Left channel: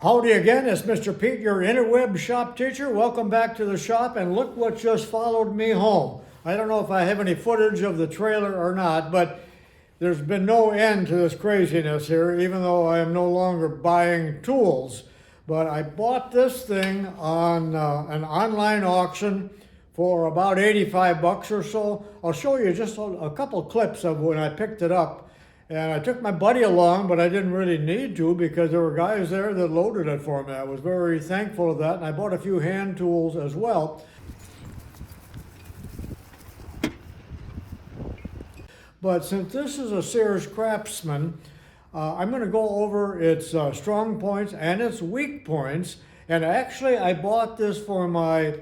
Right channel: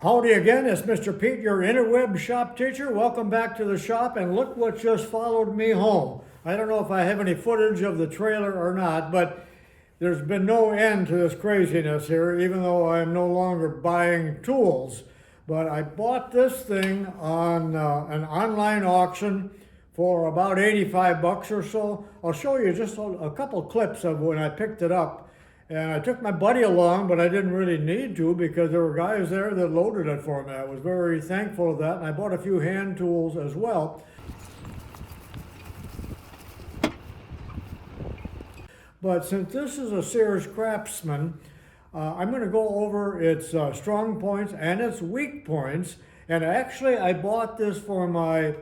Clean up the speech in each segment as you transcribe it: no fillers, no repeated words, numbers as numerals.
Howdy again, it's Mr. Pete, your interweb shop teacher. Welcome back to the shop, and look what just followed me home. I don't know if I have any footage of the trailer or not, but there's been no end to this craziness here, even though I am no longer buying tools. But I bought this thing on an online auction for about 85 bucks or so. I'll show you just a couple clips of when I picked it up. And I took my buddy along, but I didn't really need to because there were guys there that loaded it for me. I was very thankful of that, and I bought a few hand tools as well. But since this is a SEARS craftsman, I'm going to go over its strong points and its weak points. And actually, I bought this for my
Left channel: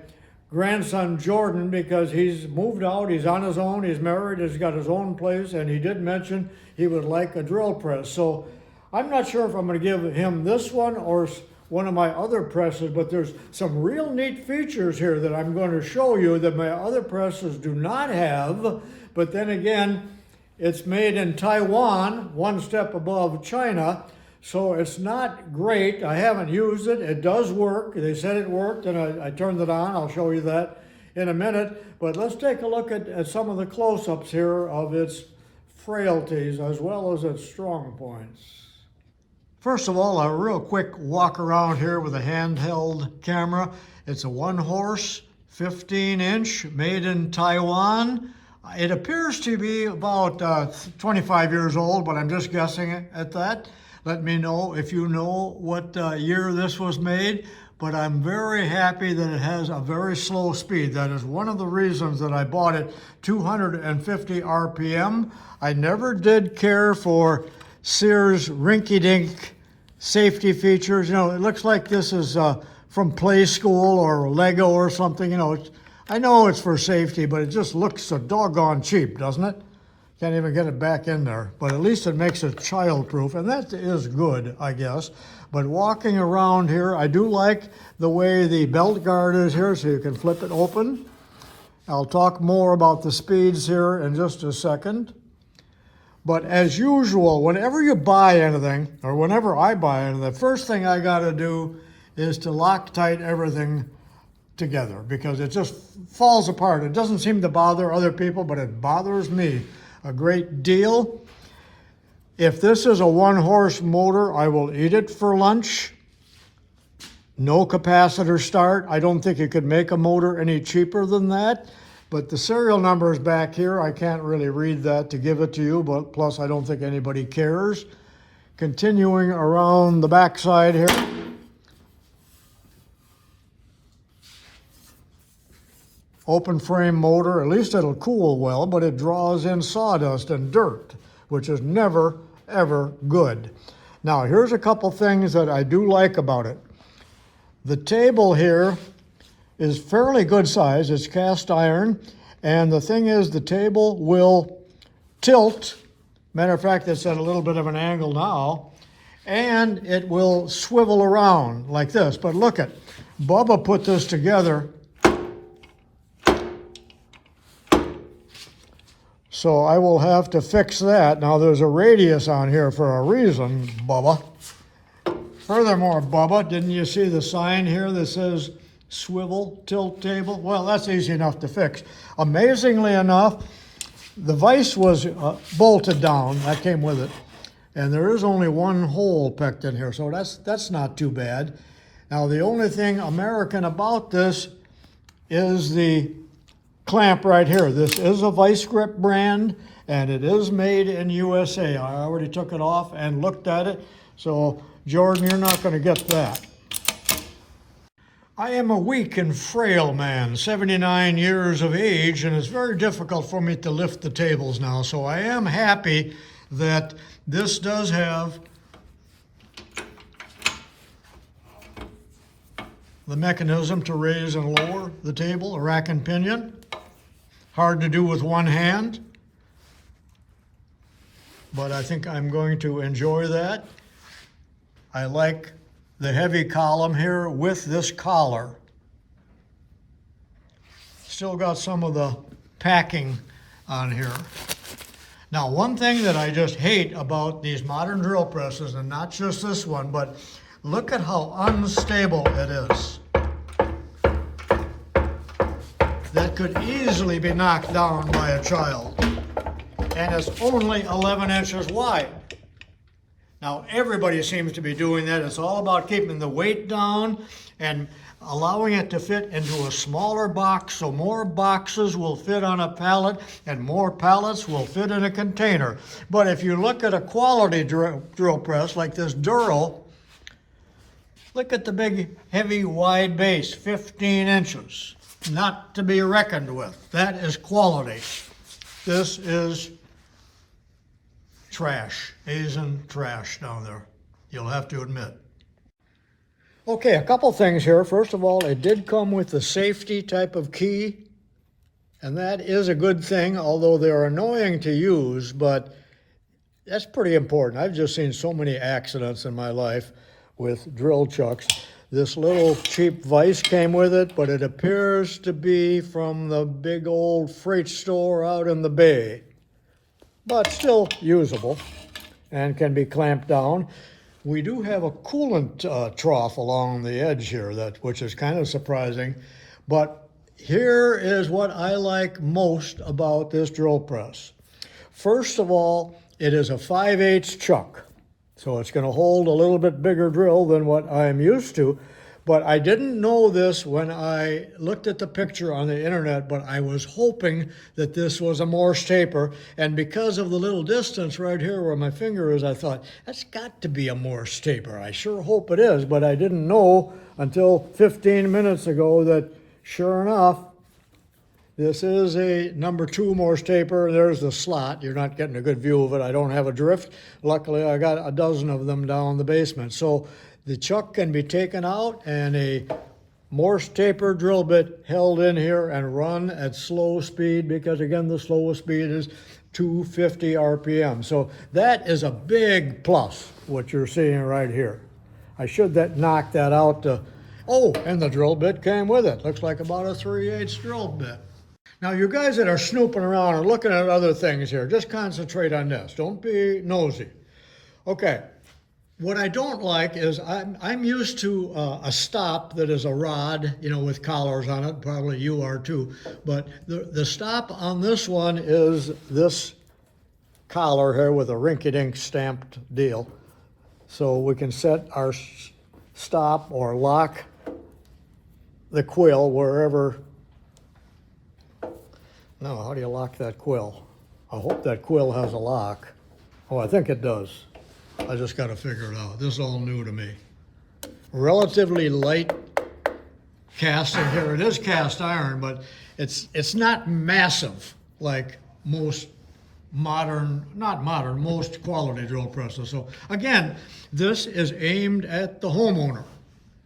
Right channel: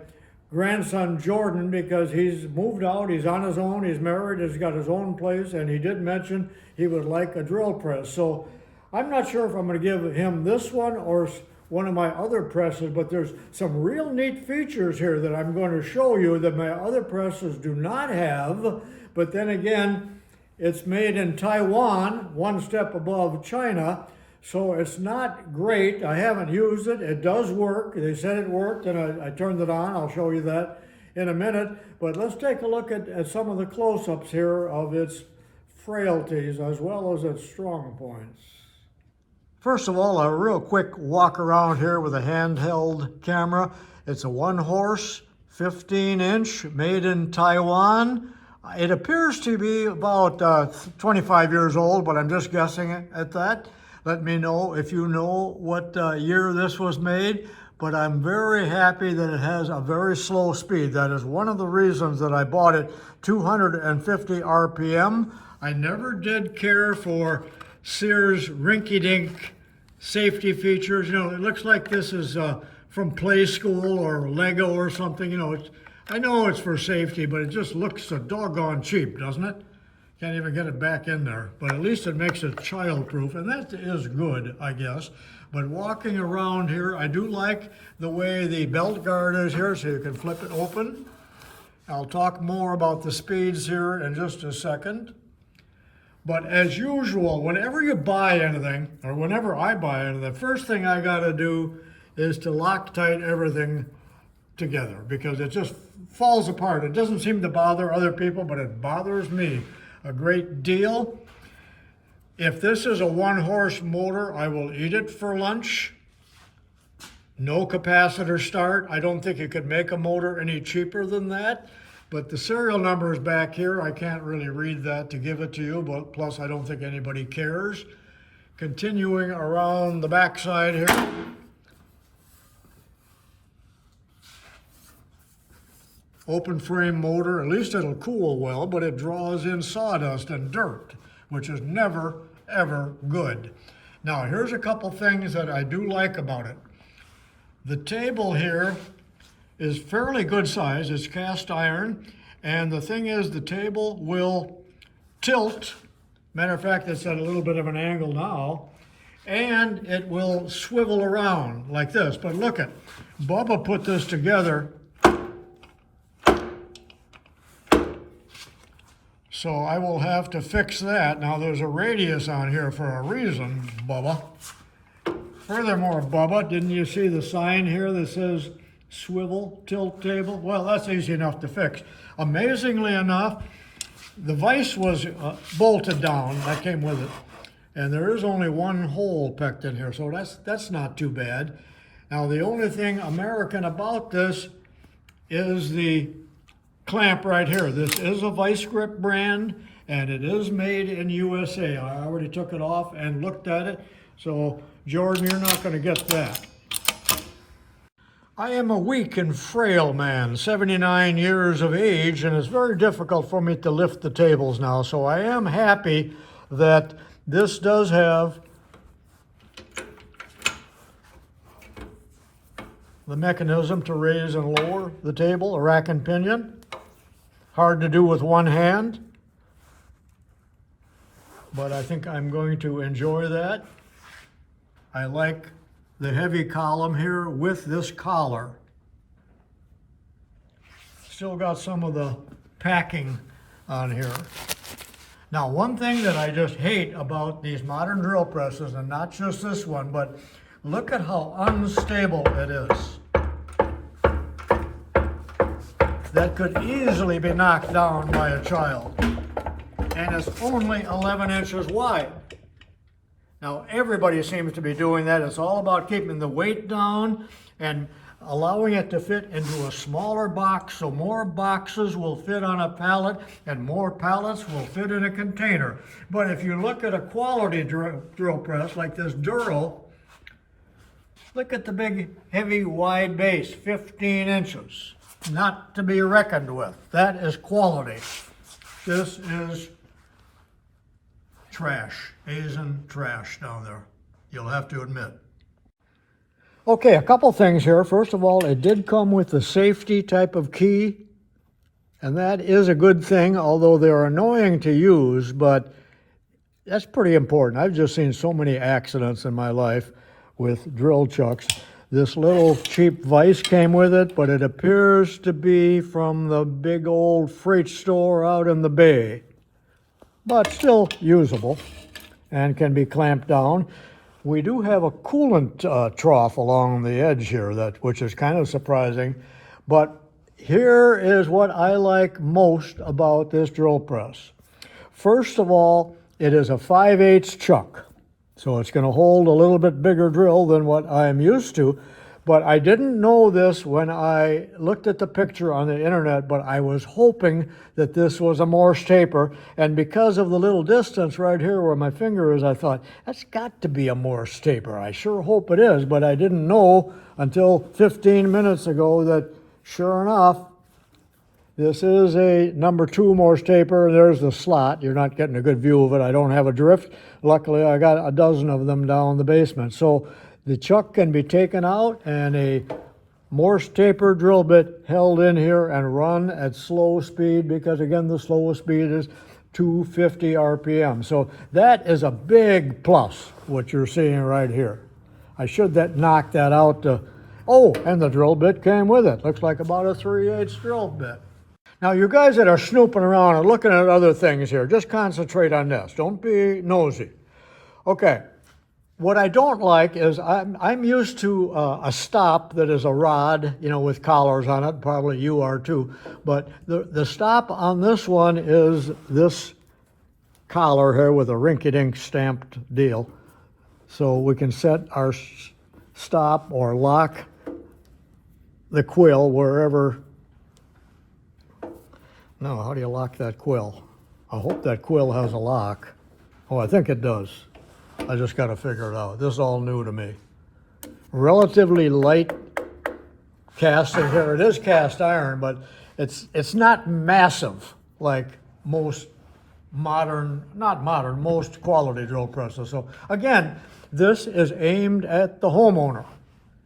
grandson Jordan because he's moved out, he's on his own, he's married, he's got his own place, and he did mention he would like a drill press. So I'm not sure if I'm going to give him this one or one of my other presses, but there's some real neat features here that I'm going to show you that my other presses do not have. But then again, it's made in Taiwan, one step above China. So it's not great. I haven't used it. It does work. They said it worked, and I turned it on. I'll show you that in a minute. But let's take a look at some of the close-ups here of its frailties as well as its strong points. First of all, a real quick walk around here with a handheld camera. It's a one-horse, 15-inch, made in Taiwan. It appears to be about 25 years old, but I'm just guessing at that. Let me know if you know what year this was made, but I'm very happy that it has a very slow speed. That is one of the reasons that I bought it, 250 RPM. I never did care for SEARS rinky-dink safety features. You know, it looks like this is from Play School or Lego or something. You know, I know it's for safety, but it just looks so doggone cheap, doesn't it? Can't even get it back in there, but at least it makes it child-proof, and that is good, I guess. But walking around here, I do like the way the belt guard is here, so you can flip it open. I'll talk more about the speeds here in just a second. But as usual, whenever you buy anything, or whenever I buy anything, the first thing I gotta do is to Loctite everything together, because it just falls apart. It doesn't seem to bother other people, but it bothers me a great deal. If this is a one-horse motor, I will eat it for lunch. No capacitor start. I don't think you could make a motor any cheaper than that. But the serial number is back here. I can't really read that to give it to you, but plus I don't think anybody cares. Continuing around the backside here. Open frame motor, at least it'll cool well, but it draws in sawdust and dirt, which is never, ever good. Now, here's a couple things that I do like about it. The table here is fairly good size. It's cast iron, and the thing is the table will tilt. Matter of fact, it's at a little bit of an angle now, and it will swivel around like this. But look at, Bubba put this together. So I will have to fix that. Now there's a radius on here for a reason, Bubba. Furthermore, Bubba, didn't you see the sign here that says swivel tilt table? Well, that's easy enough to fix. Amazingly enough, the vise was bolted down. That came with it. And there is only one hole pecked in here, so that's not too bad. Now the only thing American about this is the clamp right here. This is a vice grip brand, and it is made in USA. I already took it off and looked at it. So Jordan, you're not going to get that. I am a weak and frail man, 79 years of age, and it's very difficult for me to lift the tables now. So I am happy that this does have the mechanism to raise and lower the table, a rack and pinion. Hard to do with one hand, but I think I'm going to enjoy that. I like the heavy column here with this collar. Still got some of the packing on here. Now, one thing that I just hate about these modern drill presses, and not just this one, but Look at how unstable it is. That could easily be knocked down by a child. And it's only 11 inches wide. Now, everybody seems to be doing that. It's all about keeping the weight down and allowing it to fit into a smaller box, so more boxes will fit on a pallet and more pallets will fit in a container. But if you look at a quality drill press like this Duro, look at the big, heavy, wide base, 15 inches. Not to be reckoned with. That is quality. This is trash, Asian trash down there, you'll have to admit. Okay, a couple things here. First of all, it did come with the safety type of key, and that is a good thing, although they're annoying to use, but that's pretty important. I've just seen so many accidents in my life with drill chucks. This little cheap vise came with it, but it appears to be from the big old freight store out in the bay, but still usable and can be clamped down. We do have a coolant trough along the edge here, which is kind of surprising, but here is what I like most about this drill press. First of all, it is a 5/8 chuck. So it's going to hold a little bit bigger drill than what I'm used to. But I didn't know this when I looked at the picture on the internet, but I was hoping that this was a Morse taper. And because of the little distance right here where my finger is, I thought, that's got to be a Morse taper. I sure hope it is, but I didn't know until 15 minutes ago that sure enough, this is a number 2 Morse taper, and there's the slot. You're not getting a good view of it. I don't have a drift. Luckily, I got a dozen of them down in the basement. So the chuck can be taken out and a Morse taper drill bit held in here and run at slow speed, because again, the slowest speed is 250 RPM. So that is a big plus, what you're seeing right here. I should knock that out to, oh, and the drill bit came with it. Looks like about a 3/8 drill bit. Now, you guys that are snooping around and looking at other things here, just concentrate on this. Don't be nosy. Okay, what I don't like is I'm used to a stop that is a rod, you know, with collars on it. Probably you are too. But the stop on this one is this collar here with a rinky-dink stamped deal. So we can set our stop or lock the quill wherever. No, how do you lock that quill? I hope that quill has a lock. Oh, I think it does. I just got to figure it out. This is all new to me. Relatively light casting here. It is cast iron, but it's not massive like most most quality drill presses. So again, this is aimed at the homeowner.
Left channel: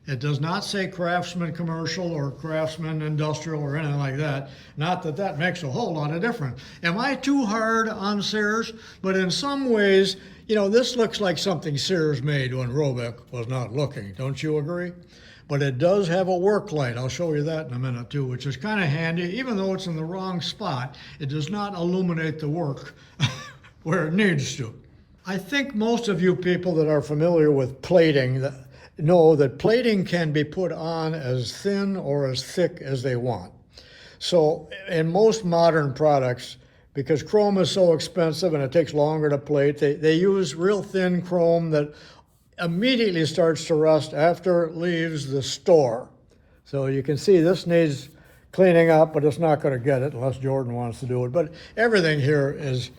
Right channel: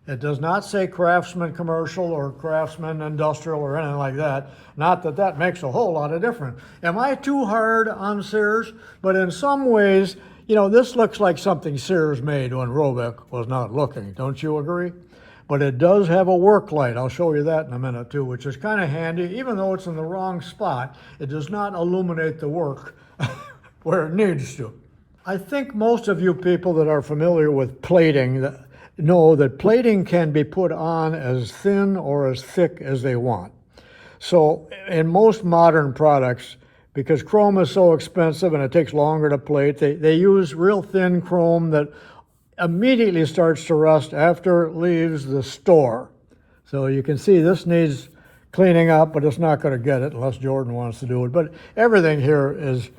It does not say Craftsman Commercial or Craftsman Industrial or anything like that. Not that that makes a whole lot of difference. Am I too hard on SEARS? But in some ways, you know, this looks like something SEARS made when Roebuck was not looking. Don't you agree? But it does have a work light. I'll show you that in a minute too, which is kind of handy. Even though it's in the wrong spot, it does not illuminate the work where it needs to. I think most of you people that are familiar with plating know that plating can be put on as thin or as thick as they want. So in most modern products, because chrome is so expensive and it takes longer to plate, they use real thin chrome that immediately starts to rust after it leaves the store. So you can see this needs cleaning up, but it's not going to get it unless Jordan wants to do it. But everything here is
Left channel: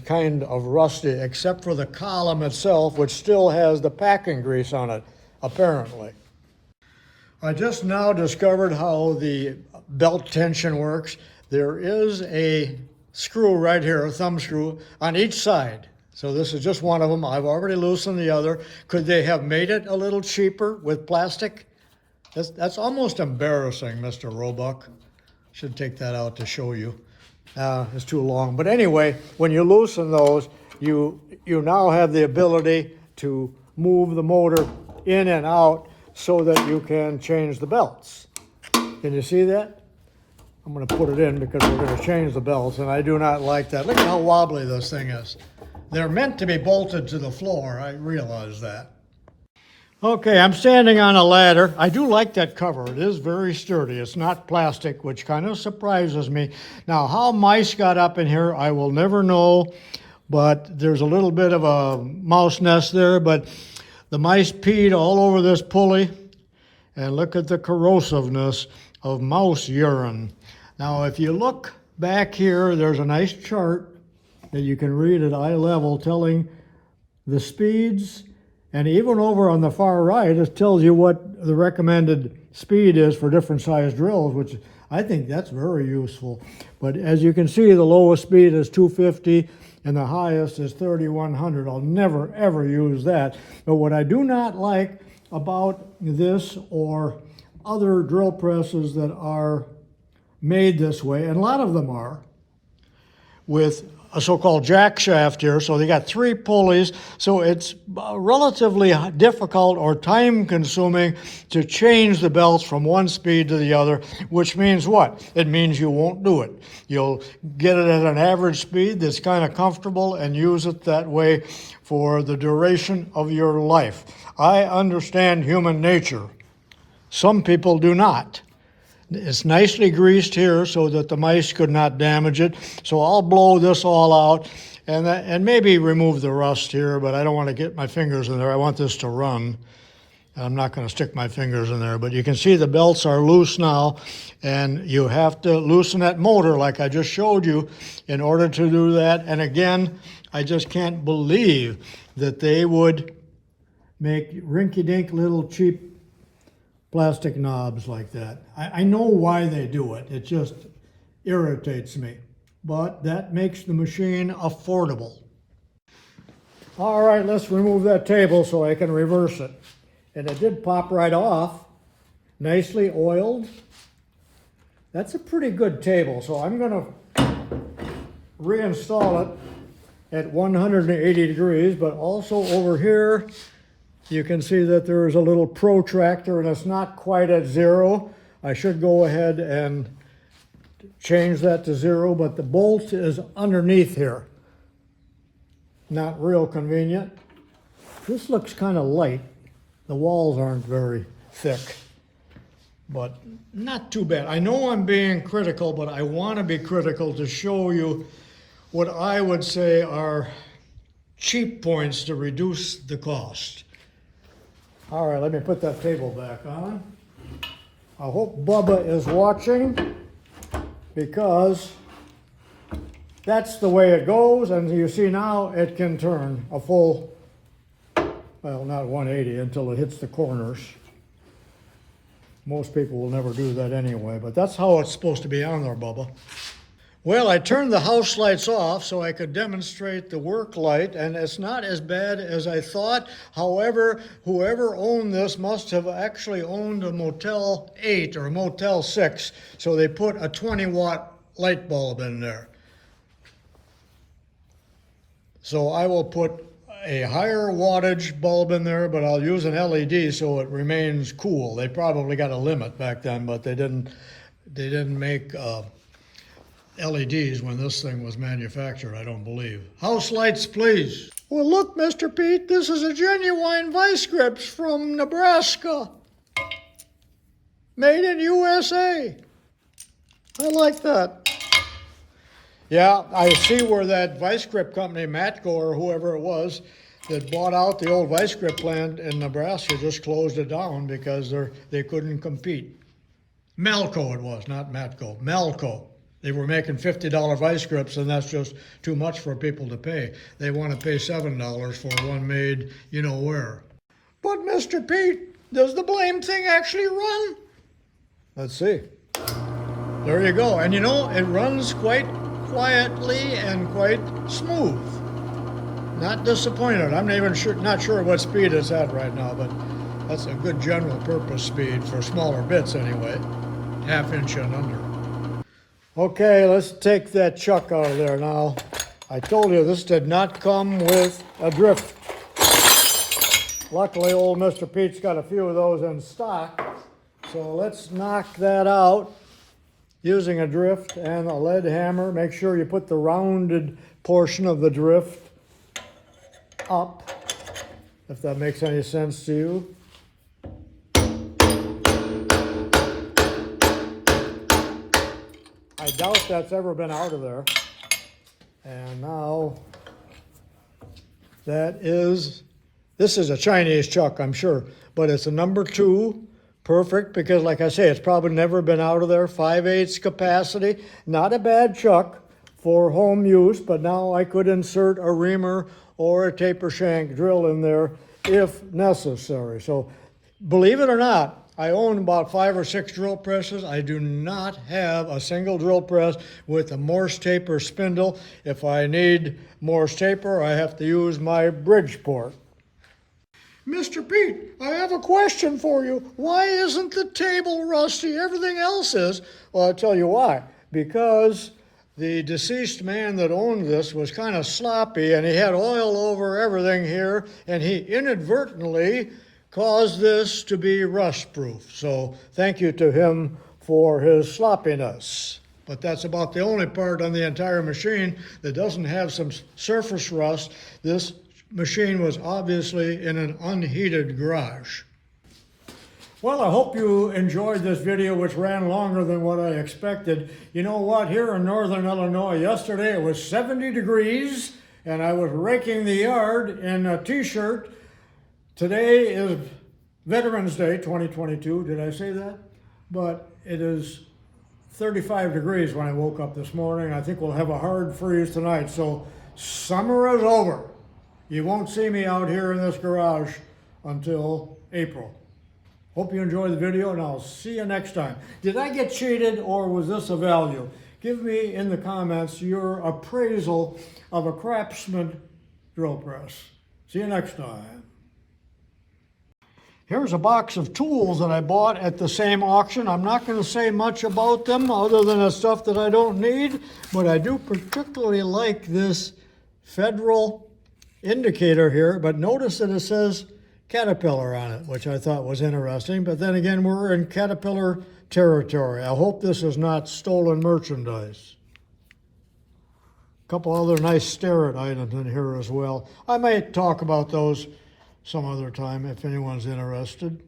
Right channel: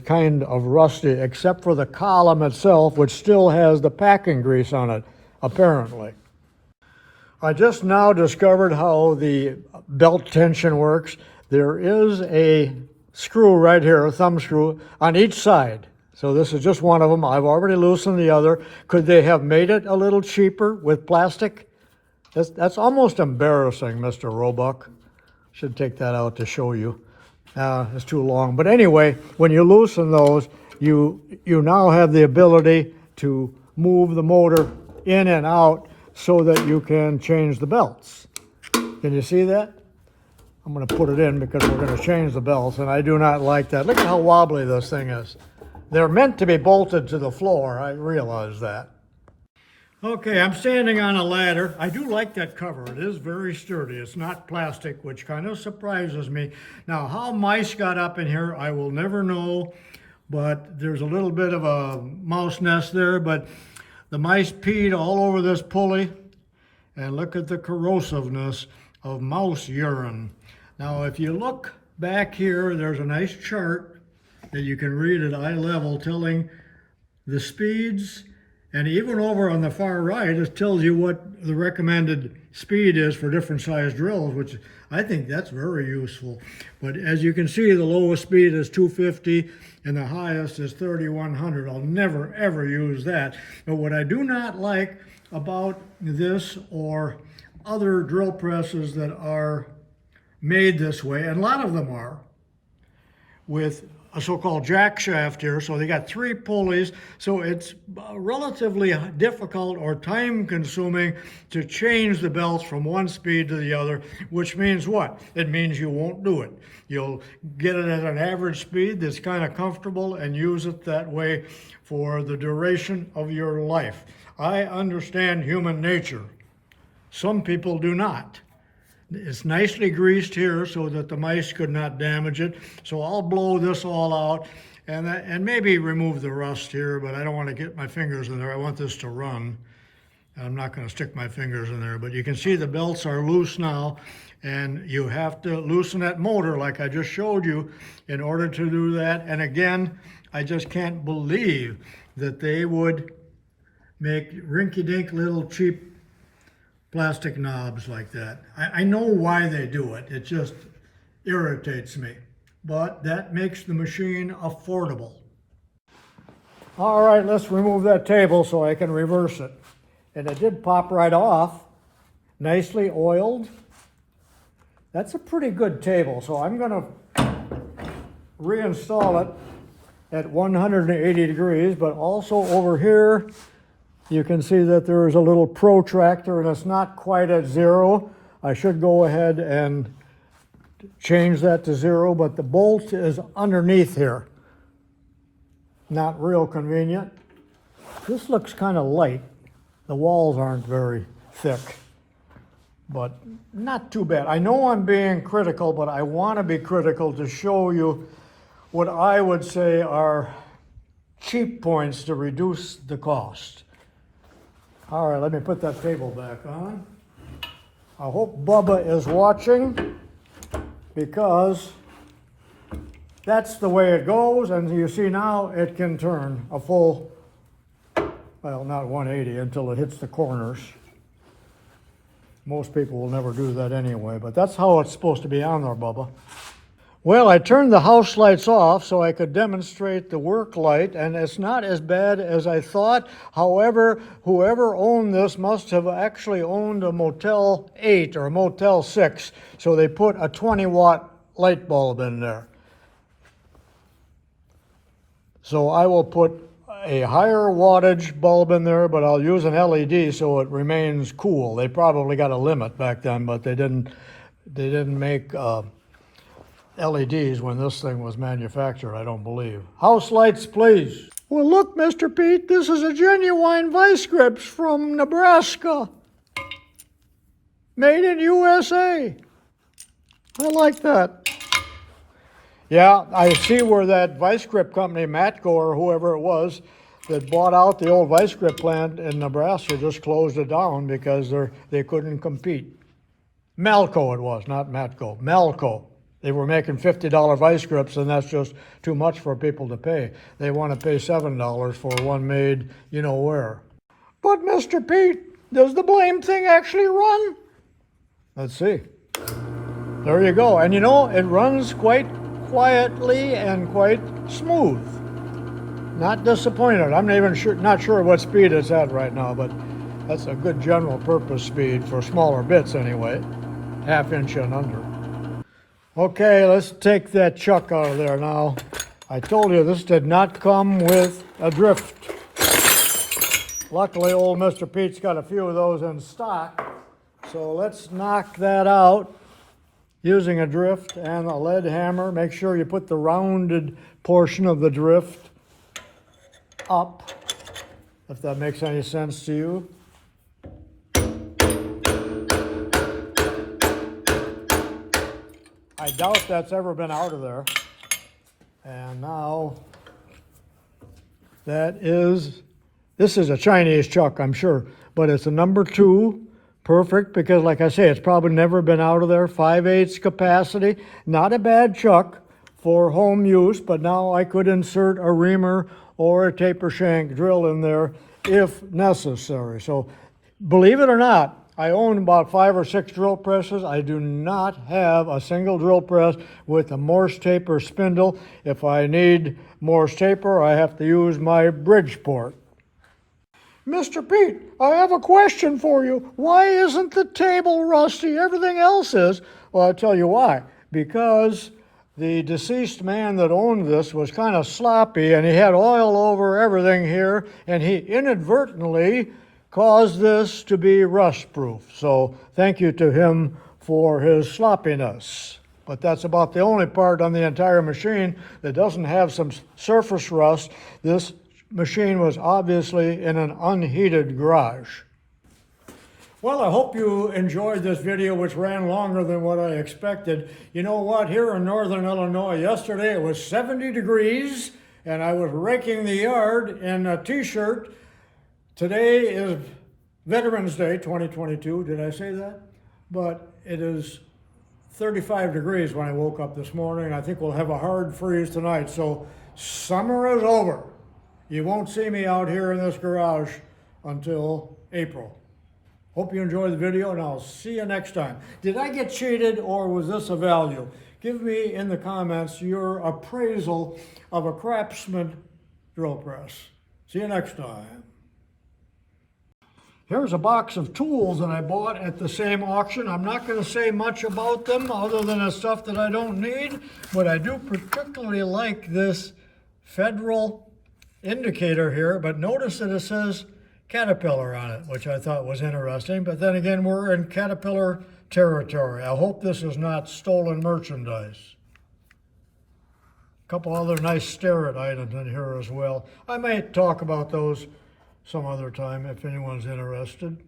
kind of rusty except for the column itself, which still has the packing grease on it, apparently. I just now discovered how the belt tension works. There is a screw right here, a thumb screw, on each side. So this is just one of them. I've already loosened the other. Could they have made it a little cheaper with plastic? That's almost embarrassing, Mr. Roebuck. Should take that out to show you. It's too long. But anyway, when you loosen those, you now have the ability to move the motor in and out so that you can change the belts. Can you see that? I'm going to put it in because we're going to change the belts, and I do not like that. Look at how wobbly this thing is. They're meant to be bolted to the floor. I realize that. Okay, I'm standing on a ladder. I do like that cover. It is very sturdy. It's not plastic, which kind of surprises me. Now, how mice got up in here, I will never know, but there's a little bit of a mouse nest there, but the mice peed all over this pulley, and look at the corrosiveness of mouse urine. Now, if you look back here, there's a nice chart that you can read at eye level telling the speeds. And even over on the far right, it tells you what the recommended speed is for different size drills, which I think that's very useful. But as you can see, the lowest speed is 250 and the highest is 3100. I'll never, ever use that. But what I do not like about this or other drill presses that are made this way, and a lot of them are, with a so-called jack shaft here, so they got 3 pulleys, so it's relatively difficult or time-consuming to change the belts from one speed to the other, which means what? It means you won't do it. You'll get it at an average speed that's kind of comfortable and use it that way for the duration of your life. I understand human nature. Some people do not. It's nicely greased here so that the mice could not damage it. So I'll blow this all out and maybe remove the rust here, but I don't want to get my fingers in there. I want this to run. I'm not going to stick my fingers in there, but you can see the belts are loose now, and you have to loosen that motor like I just showed you in order to do that. And again, I just can't believe that they would make rinky-dink little cheap plastic knobs like that. I know why they do it. It just irritates me. But that makes the machine affordable. All right, let's remove that table so I can reverse it. And it did pop right off, nicely oiled. That's a pretty good table, so I'm gonna reinstall it at 180 degrees, but also over here, you can see that there is a little protractor and it's not quite at 0. I should go ahead and change that to 0, but the bolt is underneath here. Not real convenient. This looks kind of light. The walls aren't very thick, but not too bad. I know I'm being critical, but I want to be critical to show you what I would say are cheap points to reduce the cost. All right, let me put that table back on. I hope Bubba is watching, because that's the way it goes, and you see now it can turn a full, well, not 180 until it hits the corners. Most people will never do that anyway, but that's how it's supposed to be on there, Bubba. Well, I turned the house lights off so I could demonstrate the work light, and it's not as bad as I thought. However, whoever owned this must have actually owned a Motel 8 or a Motel 6, so they put a 20-watt light bulb in there. So I will put a higher wattage bulb in there, but I'll use an LED so it remains cool. They probably got a limit back then, but they didn't make LEDs when this thing was manufactured, I don't believe. House lights, please. Well, look, Mr. Pete, this is a genuine vice grips from Nebraska. Made in USA. I like that. Yeah, I see where that vice grip company, Matco or whoever it was, that bought out the old vice grip plant in Nebraska just closed it down because they couldn't compete. Malco it was, not Matco, Malco. They were making $50 vice grips, and that's just too much for people to pay. They want to pay $7 for one made you know where. But Mr. Pete, does the blame thing actually run? Let's see. There you go. And you know, it runs quite quietly and quite smooth. Not disappointed. I'm not sure what speed it's at right now, but that's a good general purpose speed for smaller bits anyway. 1/2 inch and under. Okay, let's take that chuck out of there now. I told you this did not come with a drift. Luckily, old Mr. Pete's got a few of those in stock. So let's knock that out using a drift and a lead hammer. Make sure you put the rounded portion of the drift up, if that makes any sense to you. I doubt that's ever been out of there. And now, this is a Chinese chuck, I'm sure, but it's a number 2, perfect, because like I say, it's probably never been out of there, 5/8 capacity, not a bad chuck for home use, but now I could insert a reamer or a taper shank drill in there if necessary. So believe it or not, I own about 5 or 6 drill presses. I do not have a single drill press with a Morse taper spindle. If I need Morse taper, I have to use my Bridgeport. Mr. Pete, I have a question for you. Why isn't the table rusty? Everything else is. Well, I'll tell you why. Because the deceased man that owned this was kind of sloppy, and he had oil over everything here, and he inadvertently caused this to be rust-proof. So thank you to him for his sloppiness. But that's about the only part on the entire machine that doesn't have some surface rust. This machine was obviously in an unheated garage. Well, I hope you enjoyed this video, which ran longer than what I expected. You know what? Here in northern Illinois, yesterday it was 70 degrees, and I was raking the yard in a t-shirt. Today is Veterans Day 2022. Did I say that? But it is 35 degrees when I woke up this morning. I think we'll have a hard freeze tonight. So summer is over. You won't see me out here in this garage until April. Hope you enjoyed the video, and I'll see you next time. Did I get cheated, or was this a value? Give me in the comments your appraisal of a Craftsman drill press. See you next time. Here's a box of tools that I bought at the same auction. I'm not going to say much about them other than the stuff that I don't need, but I do particularly like this Federal indicator here, but notice that it says Caterpillar on it, which I thought was interesting. But then again, we're in Caterpillar territory. I hope this is not stolen merchandise. A couple other nice Starrett items in here as well. I might talk about those some other time if anyone's interested.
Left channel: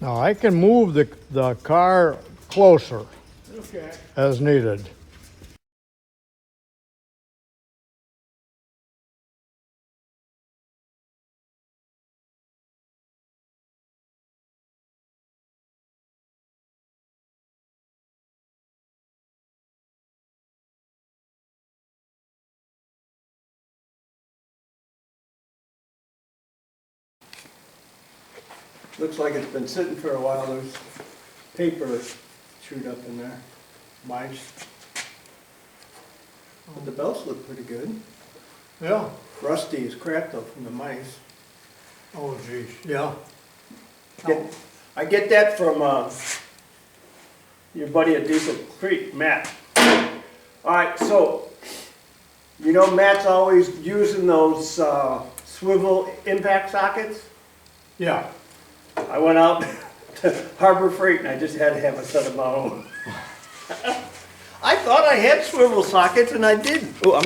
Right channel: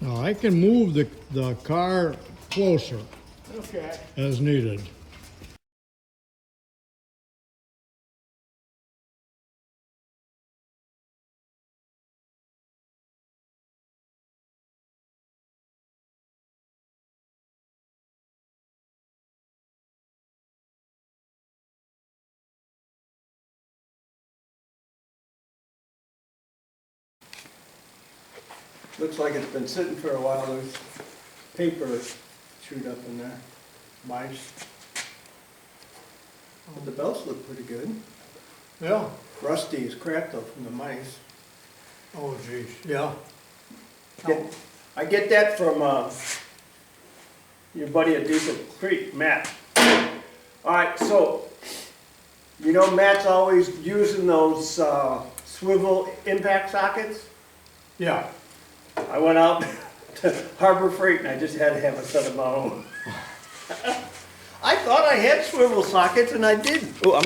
Now I can move the car closer as needed. Looks like it's been sitting for a while. There's paper chewed up in there. Mice. But the belts look pretty good. Yeah. Rusty as crap though from the mice. Oh, geez. Yeah. I get that from your buddy at Diesel Creek, Matt. Alright, so, you know Matt's always using those swivel impact sockets? Yeah. I went out to Harbor Freight and I just had to have a set of my own. I thought I had swivel sockets and I didn't. Oh,